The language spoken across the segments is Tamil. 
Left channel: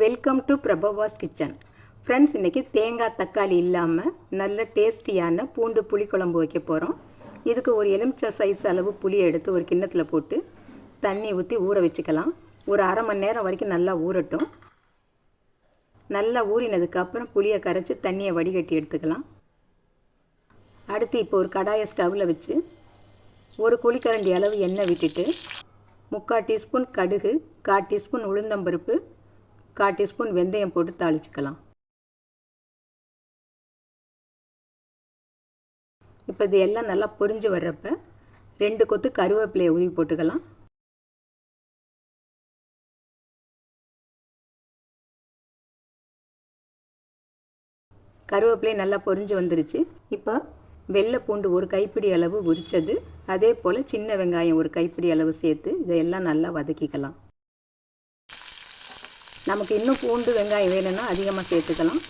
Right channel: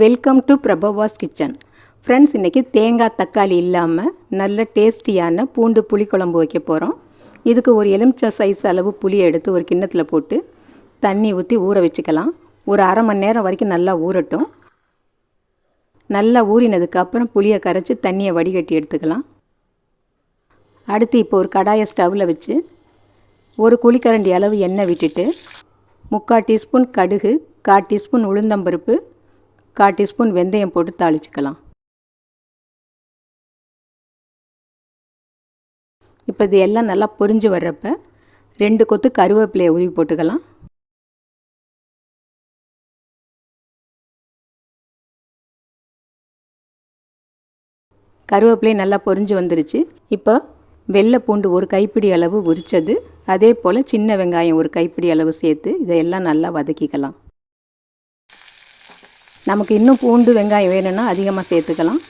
Welcome to Prabhavas kitchen friends இன்றைக்கி தேங்காய் தக்காளி இல்லாமல் நல்ல டேஸ்டியான பூண்டு புளிக்குழம்பு வைக்க போகிறோம் இதுக்கு ஒரு எலுமிச்சை சைஸ் அளவு புளியை எடுத்து ஒரு கிண்ணத்தில் போட்டு தண்ணி ஊற்றி ஊற வச்சுக்கலாம். ஒரு அரை மணி நேரம் வரைக்கும் நல்லா ஊறட்டும். நல்லா ஊறினதுக்கப்புறம் புளியை கரைச்சி தண்ணியை வடிகட்டி எடுத்துக்கலாம். அடுத்து இப்போ ஒரு கடாயை ஸ்டவ்வில் வச்சு ஒரு குழிக்கரண்டி அளவு எண்ணெய் விட்டுட்டு முக்கால் டீஸ்பூன் கடுகு கால் டீஸ்பூன் உளுந்தம்பருப்பு கால் டீஸ்பூன் வெந்தயம் போட்டு தாளிச்சுக்கலாம். இப்போ இது எல்லாம் நல்லா பொரிஞ்சு வர்றப்ப ரெண்டு கொத்து கருவேப்பிலையை உருவி போட்டுக்கலாம். கருவேப்பிலை நல்லா பொரிஞ்சு வந்துருச்சு. இப்போ வெள்ளை பூண்டு ஒரு கைப்பிடி அளவு உரித்தது அதே போல் சின்ன வெங்காயம் ஒரு கைப்பிடி அளவு சேர்த்து இதையெல்லாம் நல்லா வதக்கிக்கலாம். நமக்கு இன்னும் பூண்டு வெங்காயம் வேணும்னா அதிகமாக சேர்த்துக்கலாம்.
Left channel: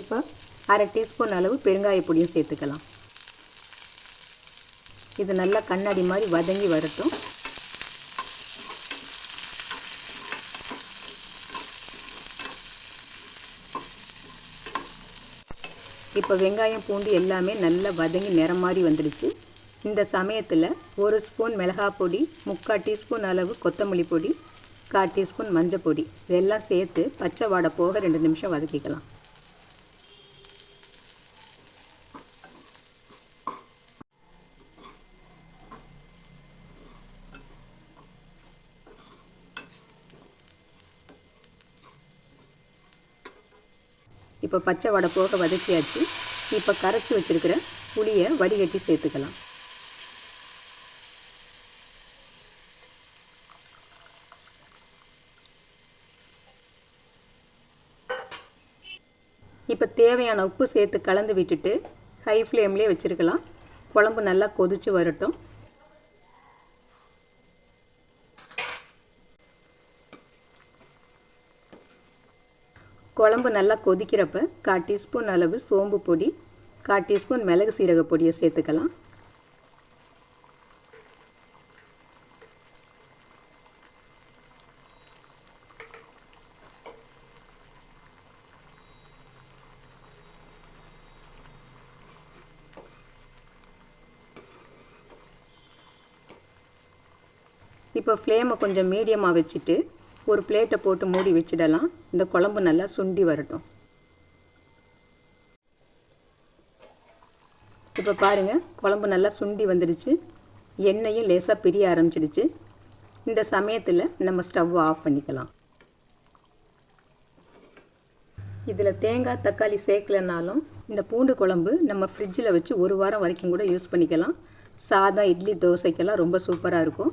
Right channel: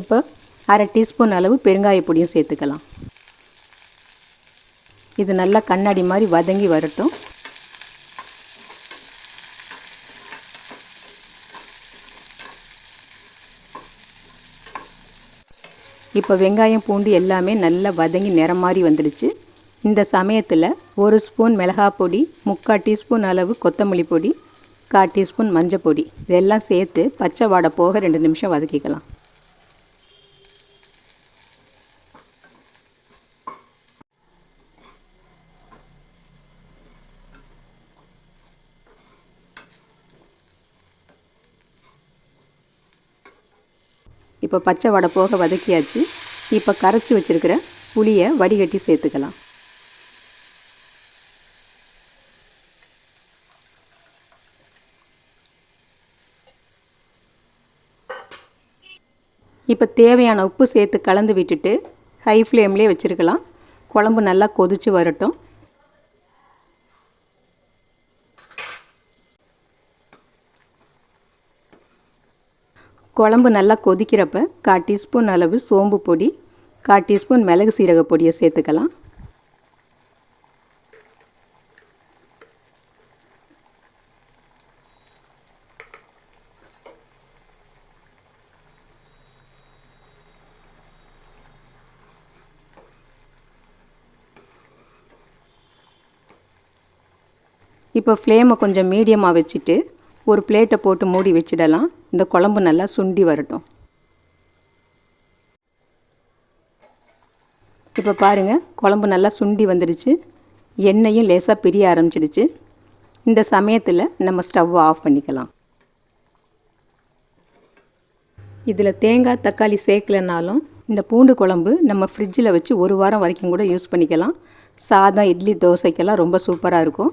இப்போ அரை டீஸ்பூன் அளவு பெருங்காய பொடியும் சேர்த்துக்கலாம். இது நல்லா கண்ணாடி மாதிரி வதங்கி வரட்டும். இப்போ வெங்காயம் பூண்டு எல்லாமே நல்லா வதங்கி நிறம் மாதிரி வந்துடுச்சு. இந்த சமயத்தில் ஒரு ஸ்பூன் மிளகாய் பொடி முக்கால் டீஸ்பூன் அளவு கொத்தமல்லி பொடி கால் டீஸ்பூன் மஞ்சள் பொடி. இதெல்லாம் சேர்த்து பச்சை வாடை போக ரெண்டு நிமிஷம் வதக்கிக்கலாம். இப்போ பச்சை வடை போக வதக்கியாச்சு. இப்போ கரைச்சி வச்சுருக்கிற புளியை வடிகட்டி சேர்த்துக்கலாம். இப்போ தேவையான உப்பு சேர்த்து கலந்து விட்டுட்டு ஹை ஃப்ளேம்லேயே வச்சுருக்கலாம். குழம்பு நல்லா கொதித்து வரட்டும். குழம்பு நல்லா கொதிக்கிறப்ப கால் டீஸ்பூன் அளவு சோம்பு பொடி கால் டீஸ்பூன் மிளகு சீரக பொடியை சேர்த்துக்கலாம். இப்போ ஃப்ளேமை கொஞ்சம் மீடியமாக வச்சுட்டு ஒரு பிளேட்டை போட்டு மூடி வச்சிடலாம். இந்த குழம்பு நல்லா சுண்டி வரட்டும். இப்போ பாருங்கள் குழம்பு நல்லா சுண்டி வந்துடுச்சு. எண்ணெயும் லேசாக பிரிய ஆரம்பிச்சிடுச்சு. இந்த சமயத்தில் நம்ம ஸ்டவ்வை ஆஃப் பண்ணிக்கலாம். இதில் தேங்காய் தக்காளி சேர்க்கலனாலும் இந்த பூண்டு குழம்பு நம்ம ஃப்ரிட்ஜில் வச்சு ஒரு வாரம் வரைக்கும் கூட யூஸ் பண்ணிக்கலாம். சாதம் இட்லி தோசைக்கெல்லாம் ரொம்ப சூப்பராக இருக்கும்.